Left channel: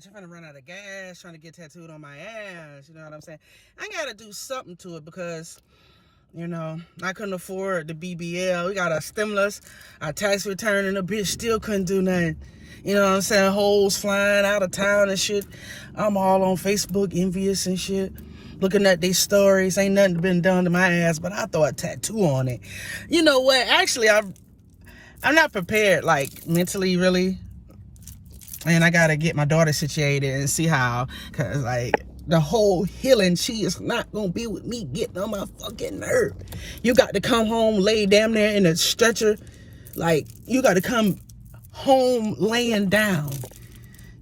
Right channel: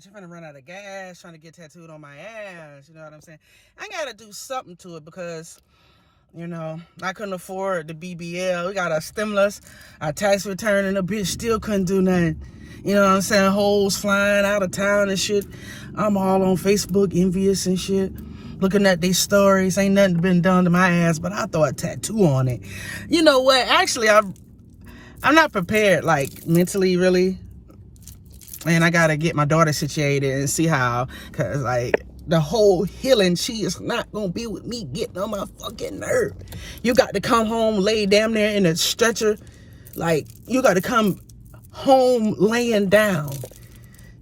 Bitch, I'm finna run out of gas trying to get tattooed on my ass. You know what I'm saying? I gotta do something to it because, you know, I couldn't afford the BBL. We got a stimulus, our tax return, and the bitch still couldn't do nothing. You know what I'm saying? Hoes flying out of town and shit. I'm all on Facebook, envious and shit. Looking at these stories. Ain't nothing been done to my ass, but I throw a tattoo on it. You know what? Actually, I'm not prepared, like, mentally, really. And I gotta get my daughter situated and see how, cause like the whole healing, she is not gonna be with me getting on my fucking nerve. You got to come home, lay down there in a stretcher, like you got to come home laying down.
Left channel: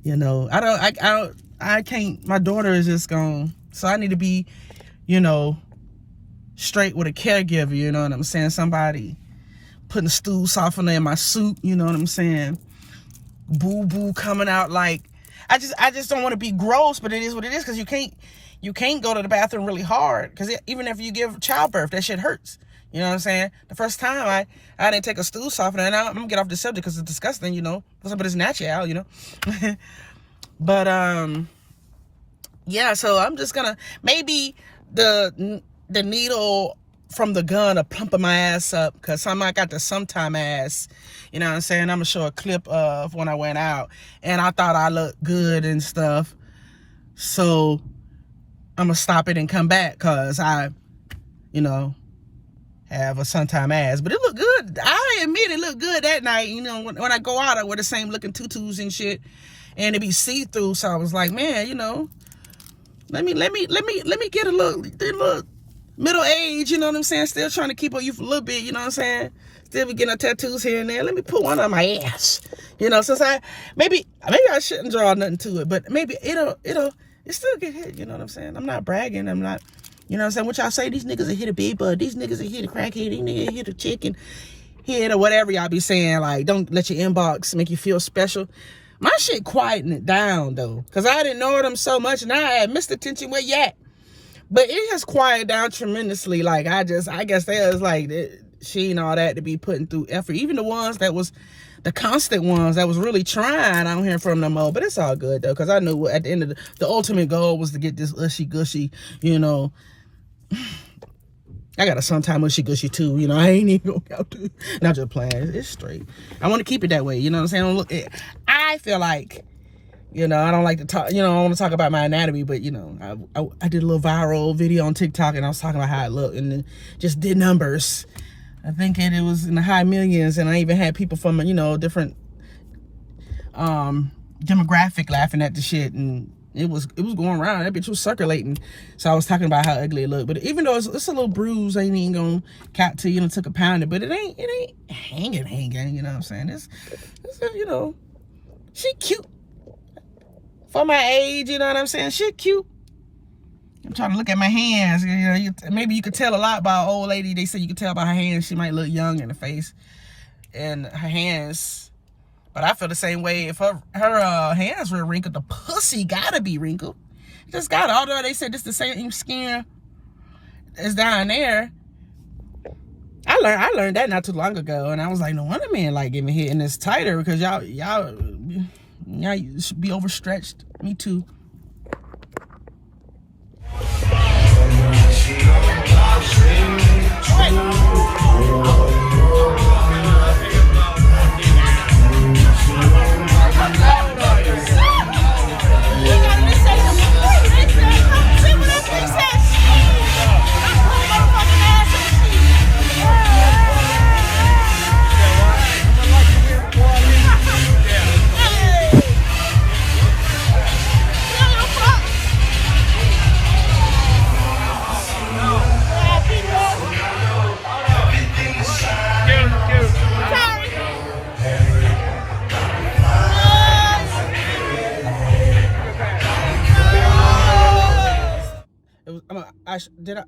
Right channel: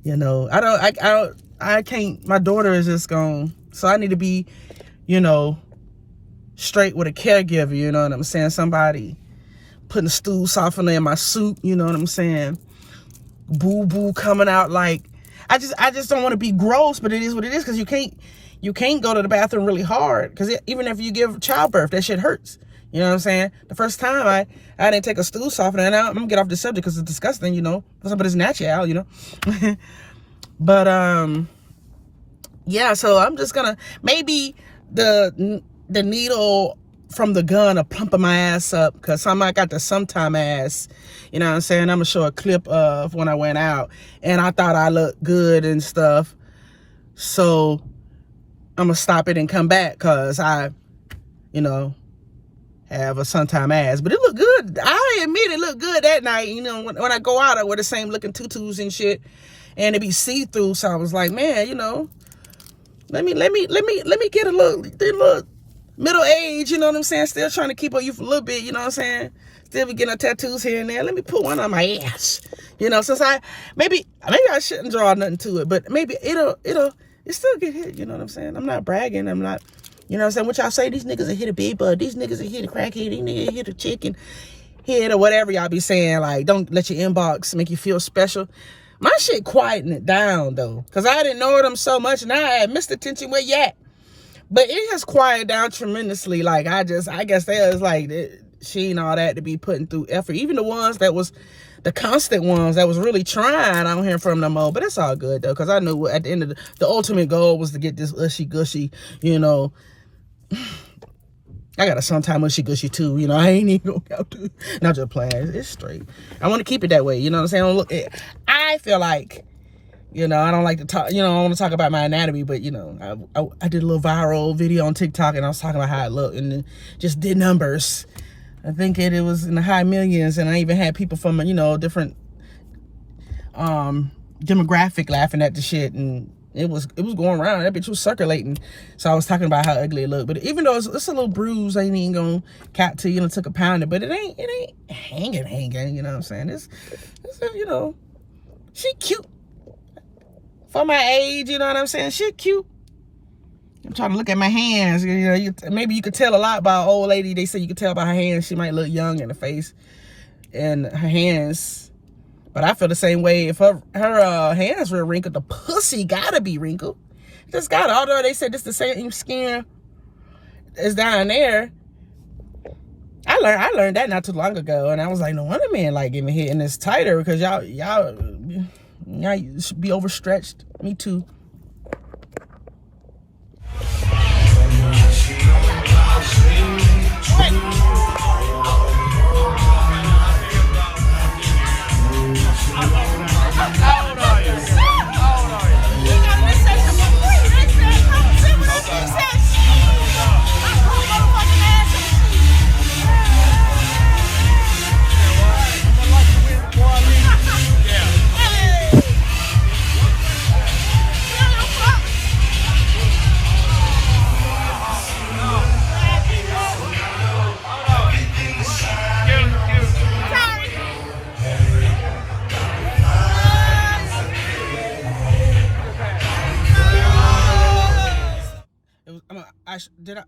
You know, I can't. My daughter is just gone, so I need to be, you know, straight with a caregiver. You know what I'm saying? Somebody putting a stool softener in my soup. You know what I'm saying? Boo coming out, like I just don't want to be gross, but it is what it is, because you can't go to the bathroom really hard, because even if you give childbirth, that shit hurts. You know what I'm saying? The first time I didn't take a stool softener, and I'm gonna get off the subject because it's disgusting, you know, but it's natural, you know. But yeah, so I'm just gonna, maybe the needle from the gun are pumping my ass up, because I got the sometime ass. You know what I'm saying? I'm going to show a clip of when I went out. And I thought I looked good and stuff. So, I'm going to stop it and come back because I, you know, have a sometime ass. But it looked good. I admit it looked good that night. You know, when I go out, I wear the same looking tutus and shit. And it be see-through. So, I was like, man, you know, let me get a little middle age, you know what I'm saying? Still trying to keep up youth a little bit, you know what I'm saying? Still be getting tattoos here and there. Let me put one on my ass. You know, since maybe I shouldn't draw nothing to it, but maybe it'll still get hit, you know what I'm saying? I'm not bragging, I'm not, you know what I'm saying? What y'all say, these niggas are hit a big bud, these niggas are hit a crackhead, these niggas hit a chicken head, or whatever y'all be saying, like, don't let your inbox make you feel special. My shit quieting it down, though, because I didn't know them so much, now I had missed attention where you at. But it has quieted down tremendously. Like, I guess there's like, she and all that to be putting through effort. Even the ones that was, the constant ones that was really trying, I don't hear from no more. But it's all good, though, because I knew at the end of the ultimate goal was to get this ushy-gushy, you know. I got a sometime ushy-gushy, too. You know, I ain't even gonna have to. Not just playing. It's straight. I want to keep it that way. You know what I'm saying? I feel like, you know, I don't like to talk, you know, I want to talk about my anatomy, but, you know, I did a little viral video on TikTok, and I was talking about how I look, and just did numbers. I think it was in the high millions, and I even had people from, you know, different demographic laughing at the shit, and it was going around. That bitch was circulating. So I was talking about how ugly it looked. But even though it's a little bruise, I ain't even gonna cap to, you know, took a pounder, but it ain't hanging, you know what I'm saying? It's you know, she cute. For my age, you know what I'm saying? She cute. I'm trying to look at my hands. You know, maybe you could tell a lot about an old lady. They say you could tell by her hands. She might look young in the face and her hands. But I feel the same way. If her hands were wrinkled, the pussy gotta be wrinkled. Just got, although they said it's the same skin as down there. I learned that not too long ago, and I was like, no wonder men like getting hit, and it's tighter because y'all should be overstretched. Me too.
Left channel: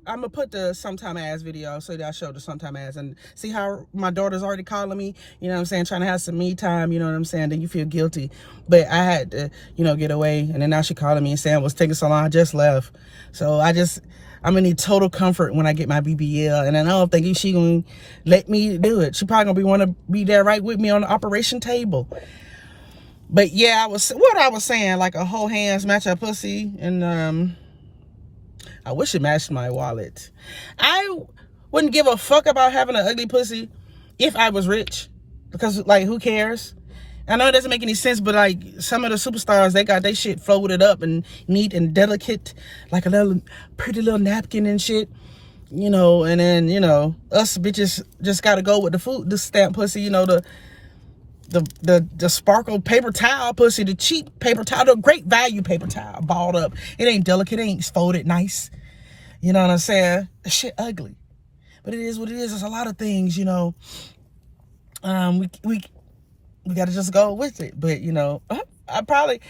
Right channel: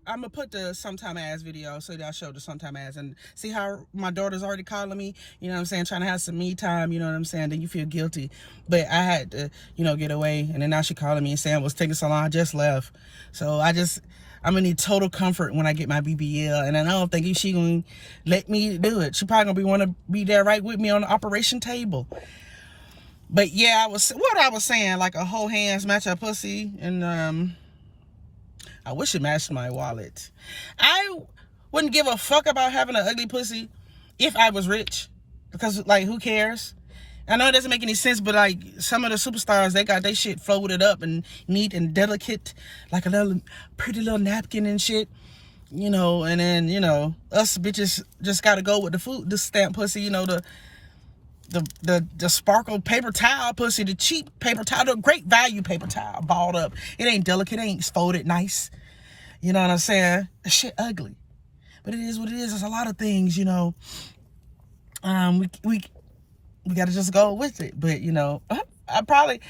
I'm gonna put the sometime ass video so that I show the sometime ass and see how my daughter's already calling me, you know what I'm saying, trying to have some me time, you know what I'm saying, then you feel guilty. But I had to, you know, get away, and then now she calling me and saying, what's taking so long, I just left. So I'm gonna need total comfort when I get my BBL, and I don't think she gonna let me do it. She probably gonna want to be there right with me on the operation table. But yeah, what I was saying, like a whole hands match a pussy, and I wish it matched my wallet. I wouldn't give a fuck about having an ugly pussy if I was rich, because like who cares? I know it doesn't make any sense, but like some of the superstars, they got their shit folded up and neat and delicate, like a little pretty little napkin and shit, you know. And then, you know, us bitches just gotta go with the stamp pussy, you know, the sparkle paper towel pussy, the cheap paper towel, the great value paper towel, balled up. It ain't delicate, it ain't folded nice. You know what I'm saying? The shit ugly, but it is what it is. There's a lot of things, you know. We got to just go with it. But, you know, I probably,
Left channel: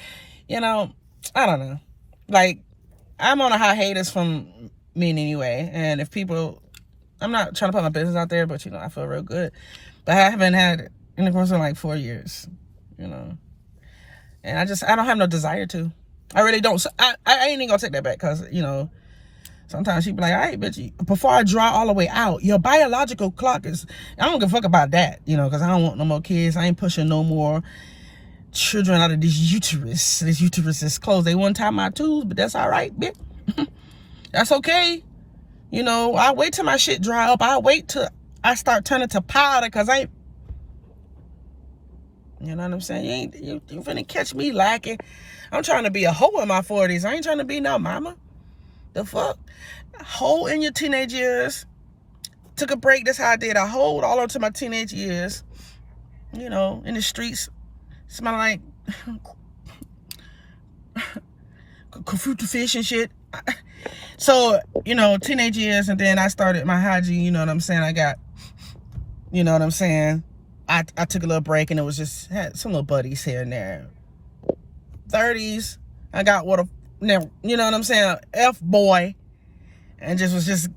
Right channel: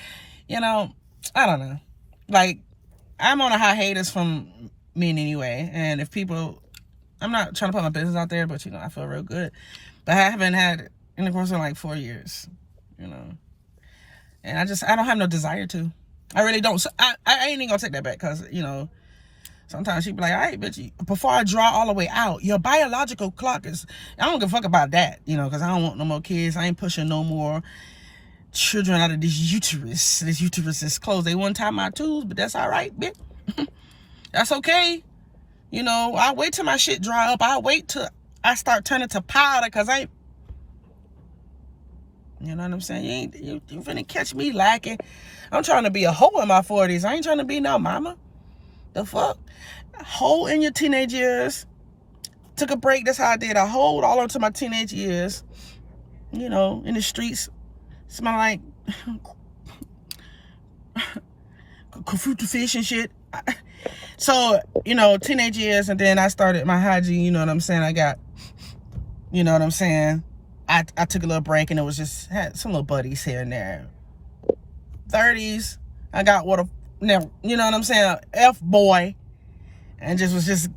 you know, I don't know. Like, I'm on a hiatus from men anyway. And if people, I'm not trying to put my business out there, but, you know, I feel real good. But I haven't had intercourse in like 4 years, you know. And I don't have no desire to. I really don't. So I ain't even going to take that back because, you know, sometimes she be like, all right, bitch, before I draw all the way out, your biological clock is, I don't give a fuck about that, you know, because I don't want no more kids. I ain't pushing no more children out of this uterus. This uterus is closed. They won't tie my tubes, but that's all right, bitch. That's okay. You know, I'll wait till my shit dry up. I'll wait till I start turning to powder because you know what I'm saying? You finna catch me lacking. I'm trying to be a hoe in my 40s. I ain't trying to be no mama. The fuck? Hold in your teenage years. Took a break. That's how I did. I hold all into my teenage years. You know, in the streets. Smell like fruit fish and shit. So, you know, teenage years, and then I started my hygiene. You know what I'm saying? I got, you know what I'm saying? I took a little break, and it was just, had some little buddies here and there. 30s, I got now, you know what I'm saying? F-boy. And was just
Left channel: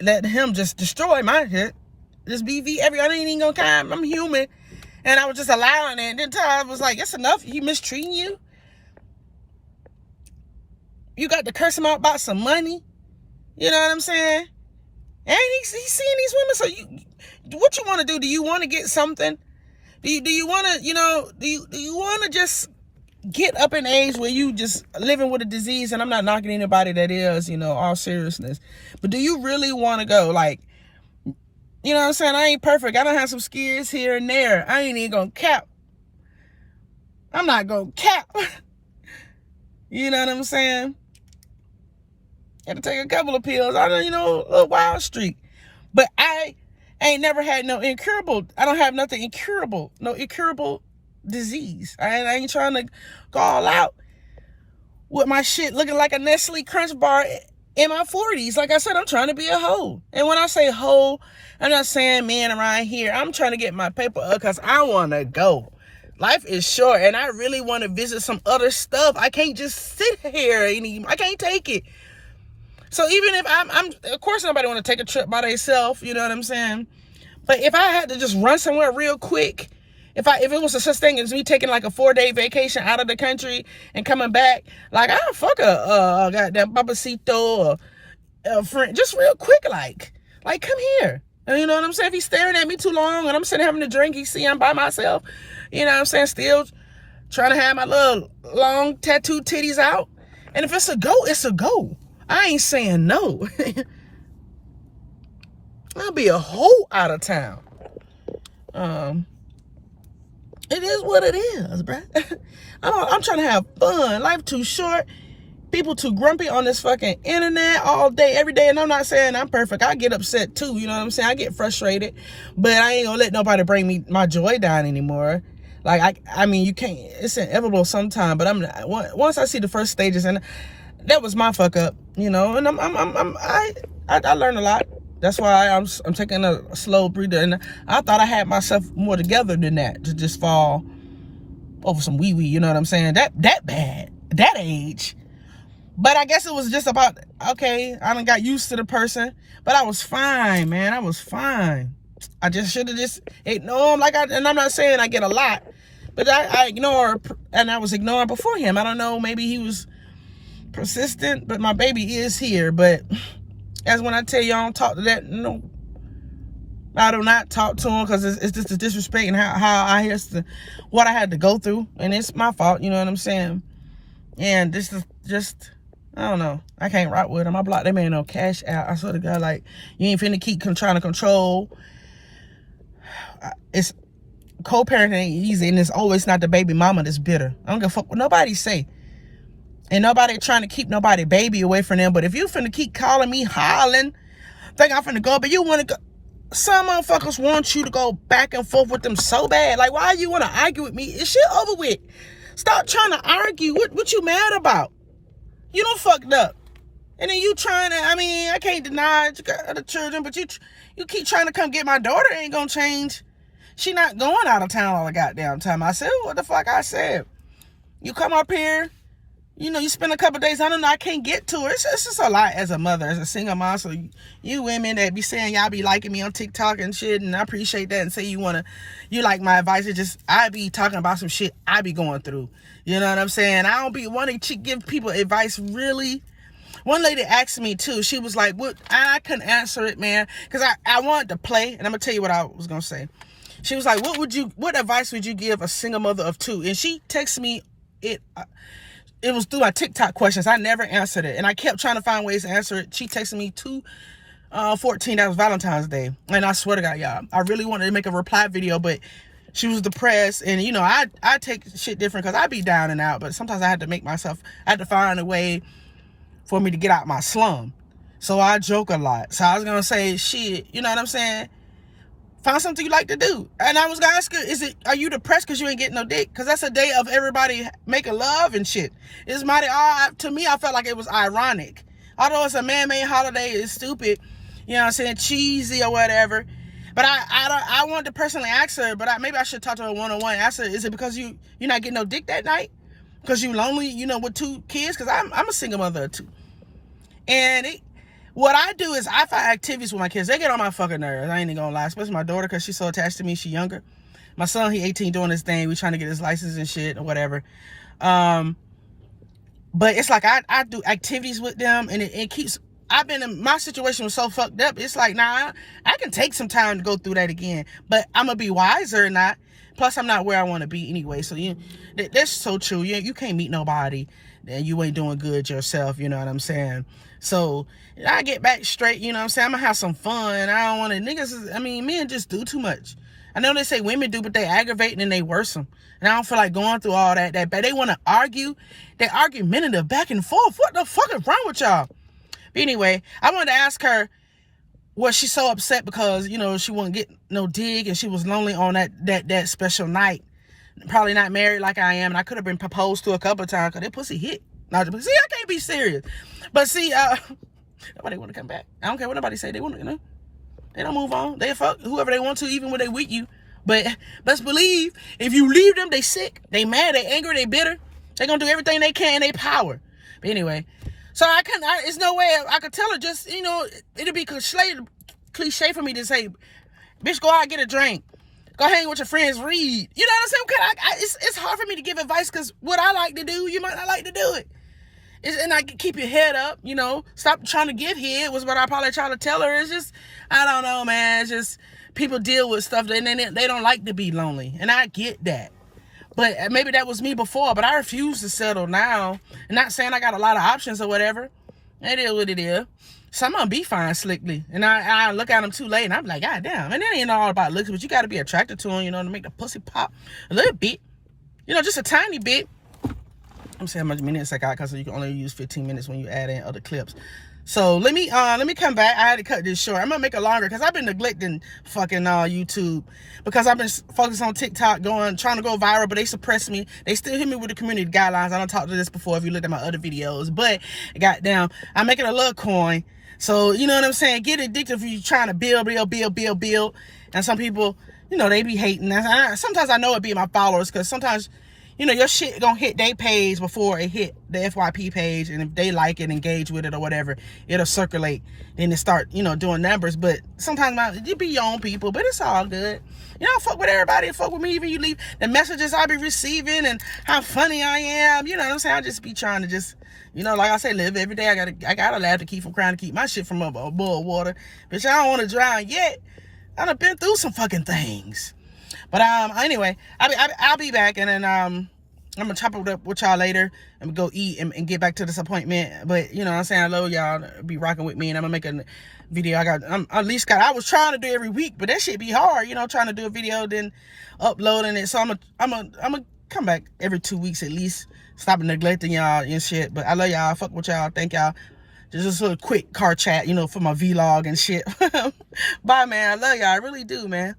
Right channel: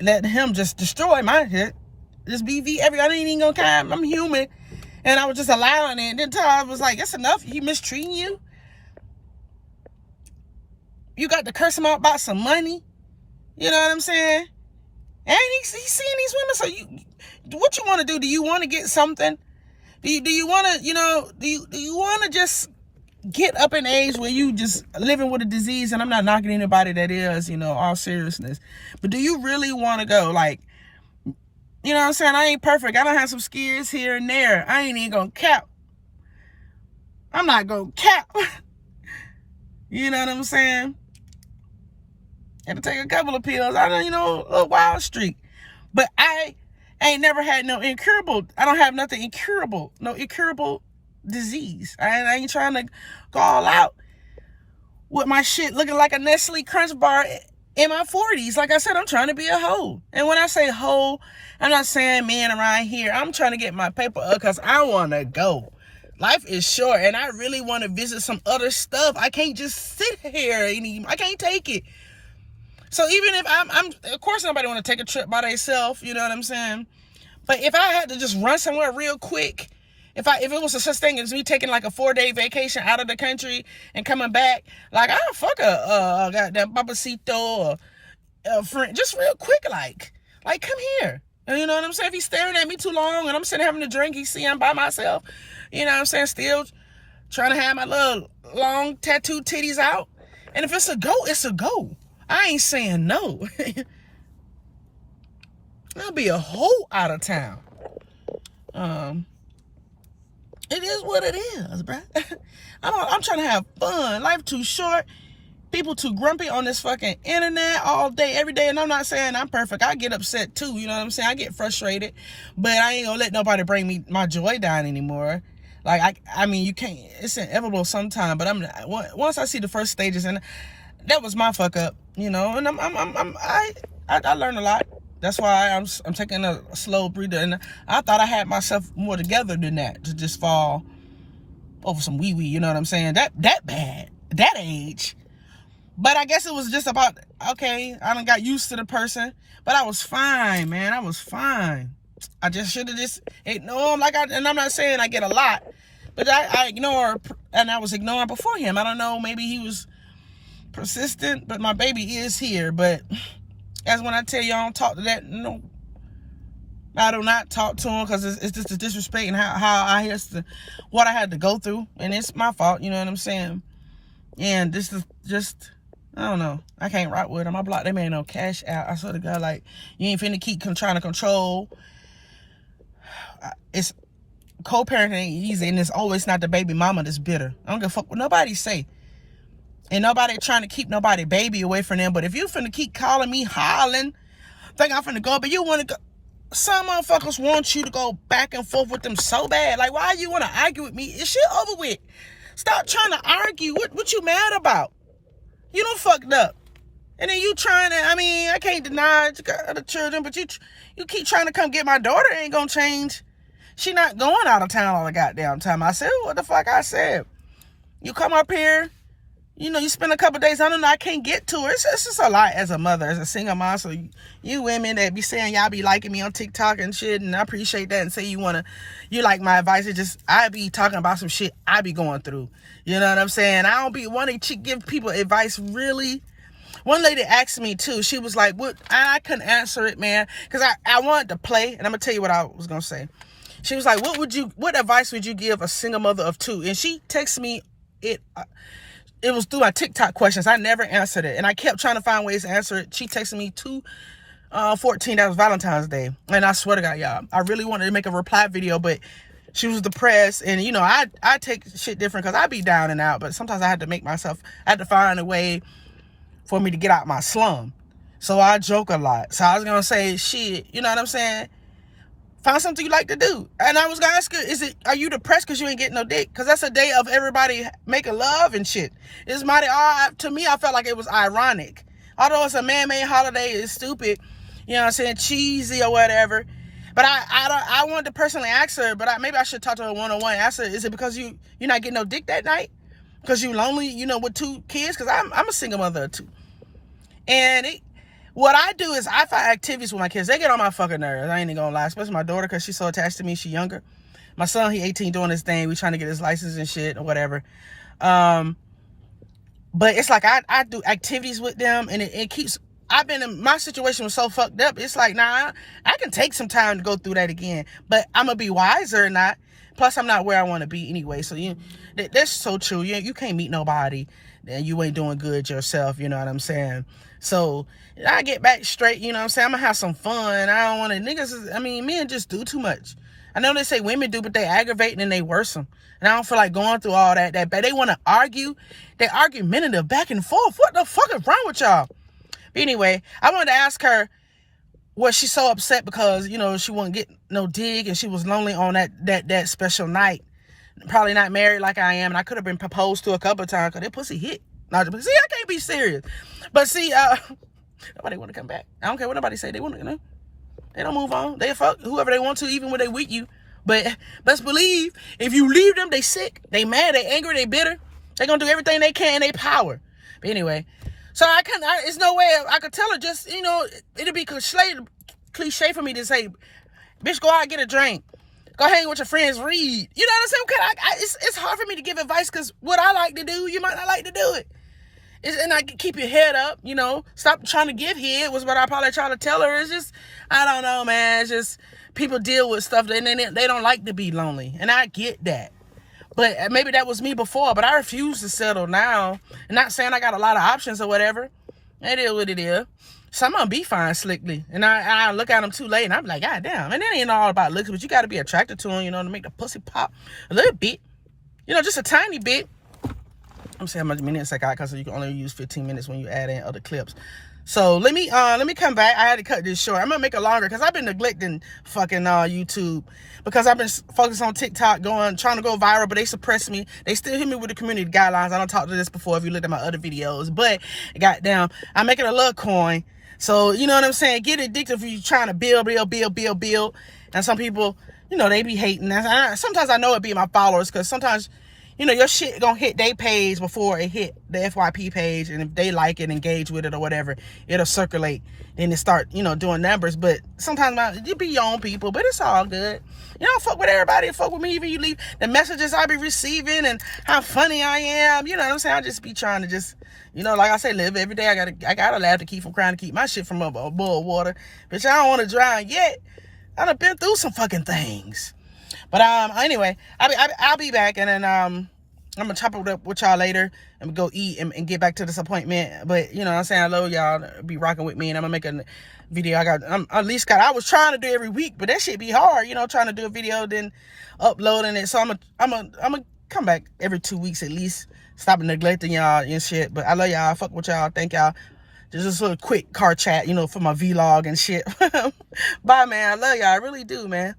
letting him just destroy my shit. Just I ain't even gonna care. I'm human. And I was just allowing it. And then I was like, that's enough. He mistreating you? You got to curse him out about some money? You know what I'm saying? And he's seeing these women. So what you want to do? Do you want to get something? Do you want to, you know, do you want to just get up in age where you just living with a disease? And I'm not knocking anybody that is, you know, all seriousness, but do you really want to go? Like, you know what I'm saying? I ain't perfect. I don't have some scares here and there. I ain't even gonna cap. I'm not gonna cap. You know what I'm saying? Had to take a couple of pills. I don't, you know, a little wild streak, but I ain't never had no incurable. I don't have nothing incurable, no incurable disease. I ain't trying to go all out with my shit looking like a Nestle Crunch bar in my 40s. Like I said, I'm trying to be a hoe. And when I say hoe, I'm not saying men around here. I'm trying to get my paper up because I want to go. Life is short, and I really want to visit some other stuff. I can't just sit here anymore. I can't take it. So even if I'm of course nobody want to take a trip by themselves, you know what I'm saying? But if I had to just run somewhere real quick, if it was a such thing as me taking like a 4-day vacation out of the country and coming back, like I'll fuck a goddamn papacito or a friend, just real quick, like come here. And you know what I'm saying? If he's staring at me too long and I'm sitting having a drink, he see I'm by myself, you know what I'm saying? Still trying to have my little long tattooed titties out. And if it's a go, it's a go. I ain't saying no. I'll be a hoe out of town. It is what it is, bruh. I'm trying to have fun. Life too short. People too grumpy on this fucking internet all day, every day. And I'm not saying I'm perfect. I get upset too. You know what I'm saying? I get frustrated. But I ain't gonna let nobody bring me my joy down anymore. Like, I mean, you can't. It's inevitable sometime. But once I see the first stages, and that was my fuck up, you know. And I learned a lot. That's why I'm taking a slow breather. And I thought I had myself more together than that, to just fall over some wee-wee, you know what I'm saying? That bad, that age. But I guess it was just about, okay, I done got used to the person. But I was fine, man. I was fine. I just should have just ignored him. And I'm not saying I get a lot, but I ignore, and I was ignoring before him. I don't know, maybe he was persistent, but my baby is here. But as when I tell you I don't talk to that, no, I do not talk to him because it's just the disrespect and how I has to, what I had to go through. And it's my fault, you know what I'm saying? And this is just, I don't know. I can't rock with him. I blocked that man on Cash Out. I swear to God, like, you ain't finna keep trying to control. It's co-parenting ain't easy, and it's always not the baby mama that's bitter. I don't give a fuck what nobody say. And nobody trying to keep nobody baby away from them. But if you finna keep calling me, hollering, think I'm finna go, but you wanna go. Some motherfuckers want you to go back and forth with them so bad. Like, why you wanna argue with me? It's shit over with. Stop trying to argue. What you mad about? You done fucked up. And then you trying to, I mean, I can't deny the children, but you keep trying to come get my daughter. Ain't gonna change. She not going out of town all the goddamn time. I said, what the fuck I said? You come up here, you know, you spend a couple days, I don't know, I can't get to her. It's just a lot as a mother, as a single mom. So you women that be saying y'all be liking me on TikTok and shit, and I appreciate that, and say you like my advice. It's just, I be talking about some shit I be going through. You know what I'm saying? I don't be wanting to give people advice, really. One lady asked me too, she was like, what? I couldn't answer it, man, because I wanted to play, and I'm gonna tell you what I was gonna say. She was like, what advice would you give a single mother of two? And she texted me, it was through my TikTok questions. I never answered it. And I kept trying to find ways to answer it. She texted me 2/14, that was Valentine's Day. And I swear to God, y'all, I really wanted to make a reply video, but she was depressed. And, you know, I take shit different because I be down and out. But sometimes I had to find a way for me to get out my slum. So I joke a lot. So I was going to say, shit, you know what I'm saying? Find something you like to do. And I was gonna ask her, are you depressed because you ain't getting no dick? Because that's a day of everybody making love and shit. It's mighty odd. To me, I felt like it was ironic. Although it's a man-made holiday, it's stupid, you know what I'm saying, cheesy or whatever. But I wanted to personally ask her, but maybe I should talk to her one-on-one. Ask her, is it because you're not getting no dick that night? Because you lonely, you know, with 2 kids? Because I'm a single mother of 2. And what I do is I find activities with my kids. They get on my fucking nerves. I ain't even gonna lie. Especially my daughter, because she's so attached to me. She younger. My son, he 18, doing his thing. We trying to get his license and shit or whatever. But it's like I do activities with them, and it keeps. My situation was so fucked up. It's like, nah, I can take some time to go through that again. But I'm gonna be wiser or not. Plus, I'm not where I want to be anyway. So that's so true. You can't meet nobody, and you ain't doing good yourself. You know what I'm saying? So I get back straight, you know what I'm saying? I'm gonna have some fun. I don't want to, men just do too much. I know they say women do, but they aggravate and they worsen. And I don't feel like going through all that. But they want to argue. They're argumentative back and forth. What the fuck is wrong with y'all? But anyway, I wanted to ask her, was she so upset because, you know, she wouldn't get no dig and she was lonely on that special night? Probably not married like I am. And I could have been proposed to a couple of times because that pussy hit. Now, see, I can't be serious. But see, nobody want to come back. I don't care what nobody say. They want to, you know. They don't move on. They fuck whoever they want to, even when they with you. But best believe, if you leave them, they sick, they mad, they angry, they bitter. They gonna do everything they can in their power. But anyway, so it's no way I could tell her, just, you know, it'd be cliche for me to say, bitch, go out and get a drink. Go hang with your friends, read. You know what I'm saying? It's hard for me to give advice because what I like to do, you might not like to do it. And I keep your head up, you know. Stop trying to get head was what I probably try to tell her. It's just, I don't know, man. It's just people deal with stuff and they don't like to be lonely. And I get that. But maybe that was me before, but I refuse to settle now. I'm not saying I got a lot of options or whatever. It is what it is. So I'm going to be fine slickly. And I look at them too late and I'm like, God damn. And it ain't all about looks, but you got to be attracted to them, you know, to make the pussy pop a little bit. You know, just a tiny bit. I'm saying how much minutes I got because you can only use 15 minutes when you add in other clips. So let me come back. I had to cut this short. I'm gonna make it longer because I've been neglecting fucking YouTube because I've been focused on TikTok, trying to go viral, but they suppress me. They still hit me with the community guidelines. I don't talk to this before if you looked at my other videos, but goddamn, I'm making a little coin. So you know what I'm saying? Get addicted if you're trying to build. And some people, you know, they be hating. Sometimes I know it be my followers because sometimes, you know, your shit gonna hit their page before it hit the FYP page. And if they like it, engage with it or whatever, it'll circulate. Then it start, you know, doing numbers. But sometimes you be your own people, but it's all good. You don't fuck with everybody. Fuck with me. Even you leave the messages I be receiving and how funny I am. You know what I'm saying? I just be trying to just, you know, like I said, live every day. I gotta laugh to keep from crying, to keep my shit from above water. Bitch, I don't want to drown yet. I done been through some fucking things. But anyway, I'll be back, and then I'm gonna chop it up with y'all later and go eat and get back to this appointment. But you know what I'm saying, I love y'all be rocking with me, and I'm gonna make a video. I was trying to do every week, but that shit be hard, you know, trying to do a video then uploading it. So I'm gonna come back every 2 weeks at least. Stop neglecting y'all and shit. But I love y'all. Fuck with y'all. Thank y'all. Just a little quick car chat, you know, for my vlog and shit. Bye, man. I love y'all. I really do, man.